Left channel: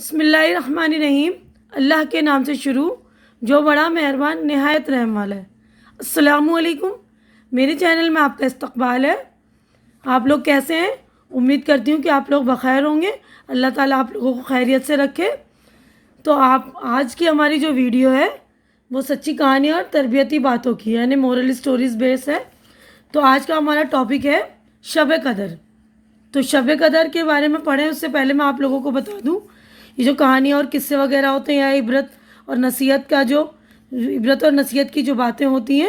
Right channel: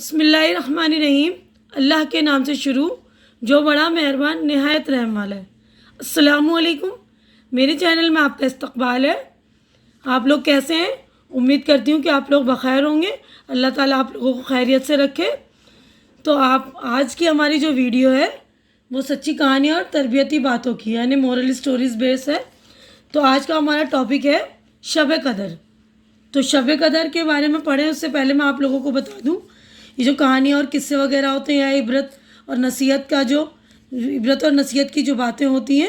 بسم اللہ الرحمن الرحیم۔ اللہ کے نام سے شروع جو بڑا مہربان نہایت رحم والا ہے۔ السلام علیکم، میرے چینل میں آپ کا استقبال ہے۔ آپ لوگ کیسے ہیں؟ امید کرتی ہوں کہ آپ لوگ بخیر ہوں گے۔ اللہ تعالیٰ آپ لوگوں کو خیریت سے رکھے۔ تو آج کی ہماری جو ویڈیو ہے وہ سچی کہانی اور تربیتی باتوں کی یعنی مورل اسٹوریز بیس ہے۔ تو آج کا ہمارا ٹاپک ہے شب قدر۔ تو شب قدر کے بارے میں پڑھیں اس سے پہلے میں آپ لوگوں کو بتا دوں، یہ جو کہانی اور قصے وغیرہ ہوتے ہیں یا عبرت اور نصیحت کی جو باتیں ہوتی ہیں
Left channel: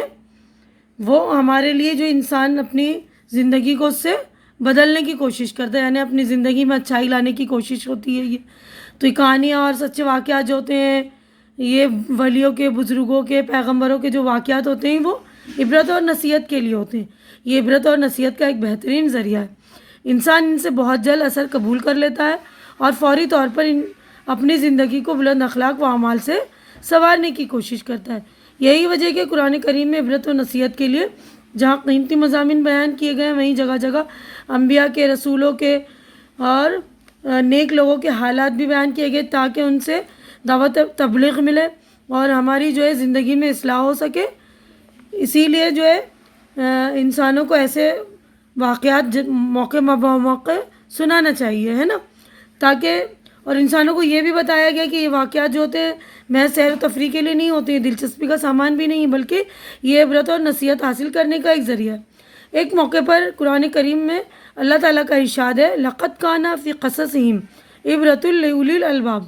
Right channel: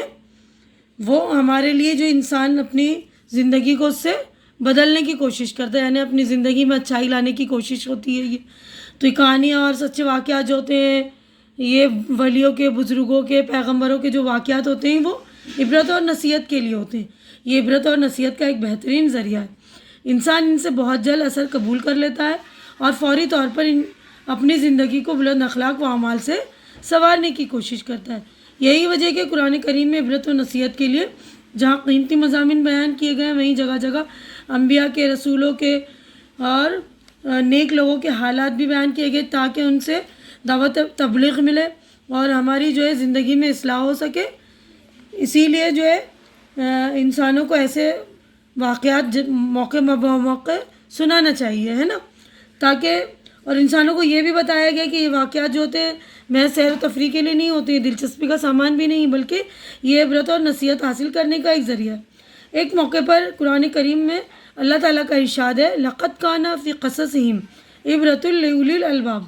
وہ ہمارے لیے جو انسان اپنی زندگی کو اس سے بدلنے کی کوشش کرتا ہے، یعنی اپنی زندگی میں اچھائی لانے کی کوشش ہوتی ہے۔ تو یہ کہانیاں اور سچے واقعات جو ہوتے ہیں، یہ ولیوں کے، بزرگوں کے، پیغمبروں کے جو واقعات ہوتے ہیں وہ عبرت اور نصیحت کے لیے ہوتے ہیں۔ یہ عبرت اور نصیحت کا ایک بہترین ذریعہ ہے۔ انسان ان سے بہت جلد اثر قبول کر لیتا ہے اور فوری طور پر اپنی زندگی کو بلند اخلاق و اعمال سے سنوارنے کی کوشش کرتا ہے۔ یہی وجہ کہ قرآن کریم میں عبرت و نصیحت کے لیے جہاں قیمتی مضامین بیان کیے گئے ہیں، وہیں جگہ جگہ انبیاء کے، رسولوں کے اور نیک لوگوں کے حالات بھی بیان کیے گئے تاکہ ان سے دعوت تبلیغ ملے اور ہماری جو ہے زندگی میں اصلاح ہو سکے۔ اسی لیے جو ہے انسانوں کو ایسے واقعات موقع موقع سنانا چاہیے، ہے نا، تاکہ اور انسانوں کو یہ بھی بتایا گیا کہ یہ واقعات جو ہوتے ہیں محض سیر و تفریح کے لیے نہیں ہوتے، دلچسپی کا سامان بھی نہیں، بلکہ یہ عبرت اور نصیحت حاصل کرنے کا ایک ذریعہ ہے۔ ایک موقع پر قرآن کریم میں اللہ تعالیٰ کا ارشاد ہے، لَقَدْ كَانَ فِي قَصَصِهِمْ عِبْرَةٌ لِأُولِي الْأَلْبَابِ۔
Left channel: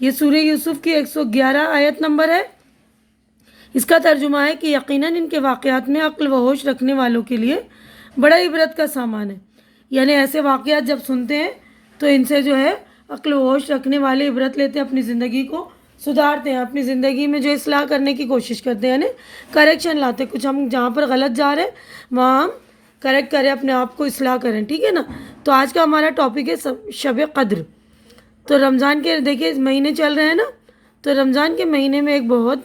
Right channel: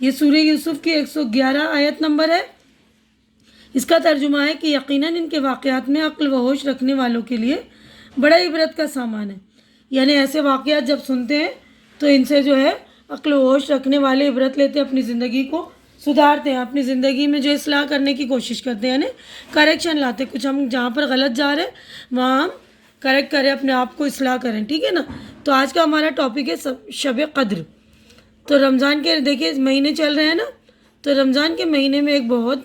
یہ سورہ یوسف کی 111 آیت نمبر ہے۔ اس کا ترجمہ ہے کہ یقیناً ان کے واقعات میں عقل و ہوش رکھنے والوں کے لیے بڑا عبرت کا سامان ہے۔ یعنی ایسے واقعات جب سنتے ہیں تو ان سے جو ہے عقل و ہوش رکھنے والے عبرت لیتے ہیں، اپنی زندگی کو سدھارتے ہیں، اپنی زندگی میں جو اصلاح کرنے کی کوشش کرتے ہیں، یعنی کریکشن لاتے ہیں۔ کچھ ہم جہاں پر غلط جا رہے ہیں وہاں ہم کریکٹ کریں، اپنے آپ کو اصلاح کریں، ٹھیک ہے نا۔ تو آج کا ہمارا ٹاپک ہے شب قدر۔ تو رمضان کے دیکھیں مہینے چل رہے ہیں نا، تو رمضان کے مہینے میں ایک بہت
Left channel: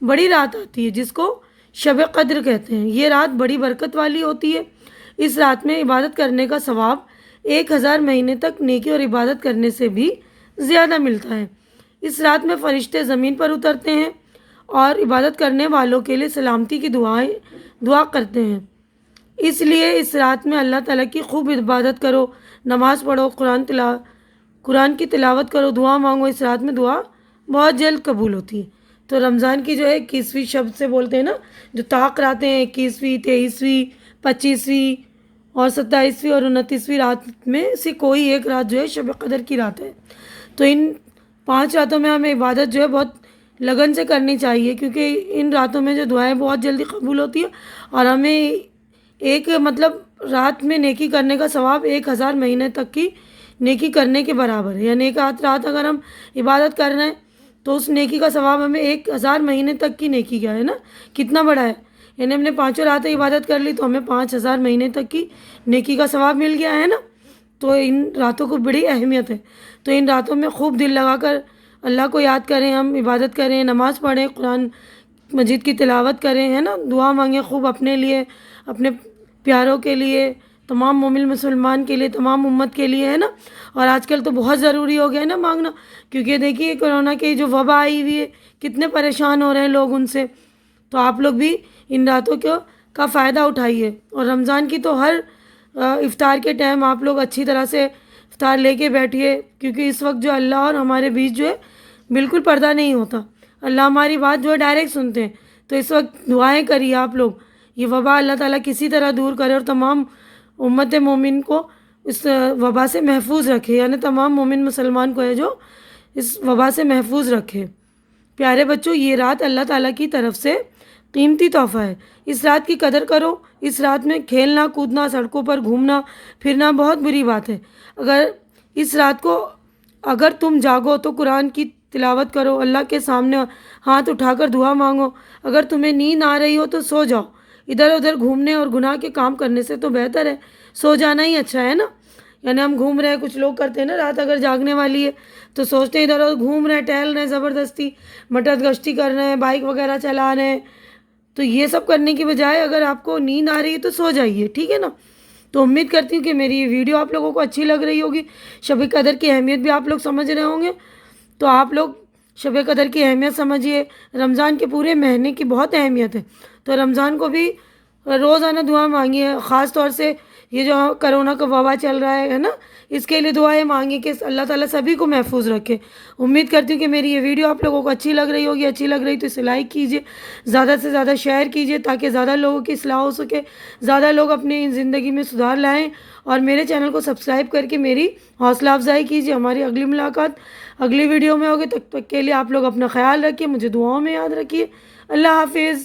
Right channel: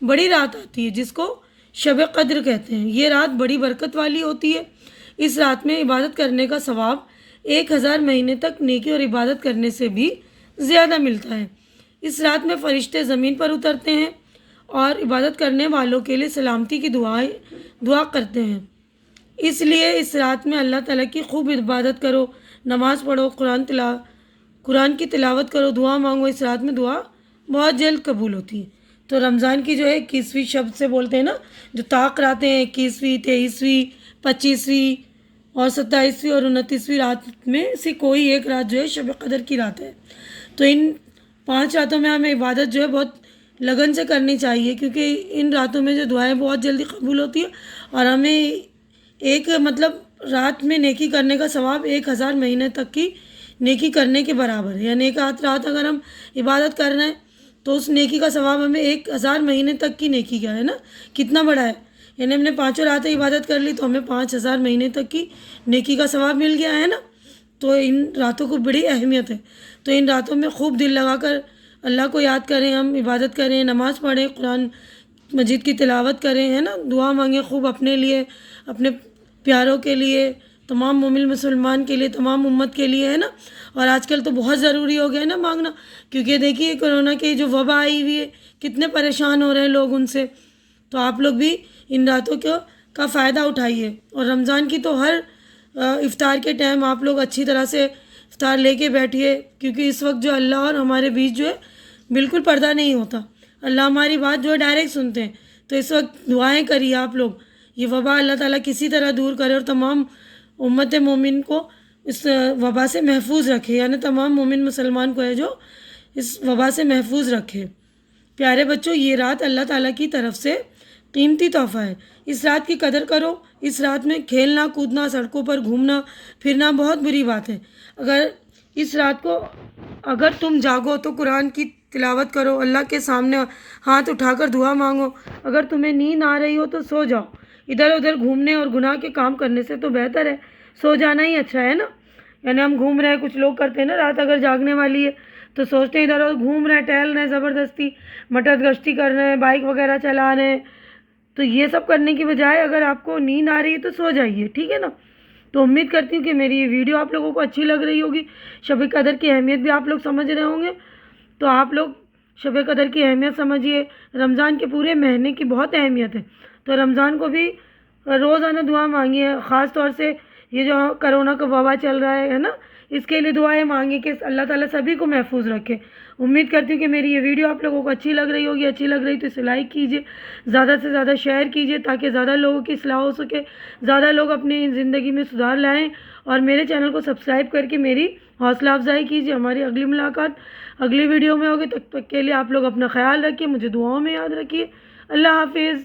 بڑی رات آتی ہے جس کو شب قدر کہتے ہیں۔ یہ رات بڑی برکت والی ہوتی ہے۔ اس رات میں عبادت کرنے کا ثواب 1000 مہینے تک نیکی اور عبادت کرنے سے بھی زیادہ ملتا ہے۔ اس رات میں فرشتے زمین پر اترتے ہیں اور عبادت کرنے والوں کے لیے سلامتی کی دعا کرتے ہیں۔ اس لیے اس رات میں اللہ تعالیٰ کی خوب عبادت کرو، نماز پڑھو، قرآن کی تلاوت کرو، دعا مانگو۔ اس رات میں دعا بہت جلد قبول ہوتی ہے۔ تو رمضان کی جو ہے 21ویں شب سے بولتے ہیں نا، جو طاق راتیں ہیں، 21ویں، 23ویں، 25ویں اور 27ویں اور 29ویں رات میں سے کوئی ایک رات جو ہے شب قدر کی رات ہے۔ تو ان 5 راتوں میں ہمیں عبادت جو ہے بہت لگن سے کرنی چاہیے، کیونکہ ان راتوں میں جو دعائیں بہت جلدی قبول ہوتی ہے اور ہمیں ایک رات میں نیکی کرنے کا ثواب 1000 مہینے تک کی نیکی کرنے کے برابر ہے۔ یعنی ایک رات اگر ہم عبادت کر رہے ہیں تو اس نیکی کا ثواب ہمیں 1000 مہینے تک کی نیکی کا ہے نا، کتنا بڑا ہے۔ یعنی ہم نے 5 راتیں عبادت کر لی تو ہمیں 5000 مہینے تک کی نیکی کا ثواب مل گیا ہے نا۔ تو ان راتوں کو بڑی اہمیت ہے۔ تو ان راتوں میں خوب دل لگا کر اللہ کو یاد کریں، ہم عبادت کریں، نماز پڑھیں، قرآن مجید کی تلاوت کریں، ہے نا، دعا مانگیں خوب اپنے لیے، اپنے پیاروں کے لیے، تمام مومن مسلمان کے لیے، تمام امت کے لیے، ہے نا۔ اور آج کل تو بہت ضروری ہو گیا ہے نا مانگنا، کیونکہ دیکھیے کرونا کی جو وبا آئی ہوئی ہے، کتنے پریشان ہو رہے ہیں لوگ ان سے۔ تو آپ لوگ بھی ان راتوں کا فائدہ اٹھائیے۔ اور رمضان کی تو ہر افطار کے ٹائم آپ لوگ اچھی طرح سے افطار لے کے بیٹھیے، کیونکہ اس وقت جو اللہ اور ہمارے بیچ جو ہے بالکل پردہ نہیں ہوتا، اللہ ہماری بات جو ہے ڈائریکٹ سنتے ہیں۔ تو اس وقت دعائیں کریے آپ لوگ، یہ وبا اللہ تعالیٰ کسی طرح دور کرے اور تمام امت مومن کو اس وبا سے محفوظ رکھے، یعنی تمام مومن مسلمان کو ہے جو اس وبا سے محفوظ رکھے۔ پیارے بچوں، یہ رات اللہ تعالیٰ کی طرف سے قیمتی تحفہ ہے۔ اس رات کی قدر کرو۔ اس رات میں کھیلنا کودنا، سڑکوں پر گھومنا پھرنا بہت بری بات ہے۔ اس رات کو اگر تم جاگو تو قرآن کی تلاوت کرو، اللہ کے سامنے ہاتھ اٹھا کر دعا مانگو۔ اگر تمہیں نیند آ رہی ہو تو سو جاؤ۔ ادھر ادھر گھومنے اور گناہ کے کام کرنے سے تو بہتر ہے سو جانا ہی اچھا ہے نا۔ یعنی ہم گھوم رہے ہیں، کچھ لوگ کرتے ہیں نا، رات اگر جاگنے والی ہے تو سوچتے ہیں ادھر ادھر گھوم رہے ہیں، ٹہل رہے ہیں، زبردستی مٹر گشتی کر رہے ہیں، بائک وغیرہ چلا رہے ہیں۔ تو یہ سب کرنے کی بجائے اگر آپ کو نیند آ رہی ہے تو سو جائیے، ٹھیک ہے نا۔ تو امید کرتی ہوں کہ میری یہ ویڈیو آپ لوگوں کو اچھی لگ رہی ہوگی. شب قدر کی اہمیت بھی آپ لوگ سمجھ رہے ہوں گے. تو آپ لوگ شب قدر کی اہمیت سمجھیے. رمضان کے پورے مہینے کی بہت اہمیت ہے. تو رمضان کو بھی روزانہ دعا مانگیے. خاص طور سے یہ جو کرونا کا وبا چل رہا ہے نا، اس کے لیے دعائیں مانگیں کہ اللہ تعالیٰ سبھی کو محفوظ رکھے. امید کرتی ہوں کہ میری یہ ویڈیو آپ لوگوں کو اچھی لگ رہی ہوگی. اچھی لگ رہی تو اسے لائک کیجیے، زیادہ سے زیادہ شیئر کیجیے تاکہ زیادہ لوگوں کی اصلاح ہو سکے، زیادہ لوگ اپنی زندگی میں سدھار لائیں. اور میرے چینل کو سبسکرائب کر کے میری حوصلہ افزائی کیجیے. ہماری اگلی ملاقات اگلی ویڈیو میں ہوگی. تب تک کے لیے آپ لوگ اپنا خیال رکھیے، مجھے دعاؤں میں یاد رکھیے. اللہ حافظ.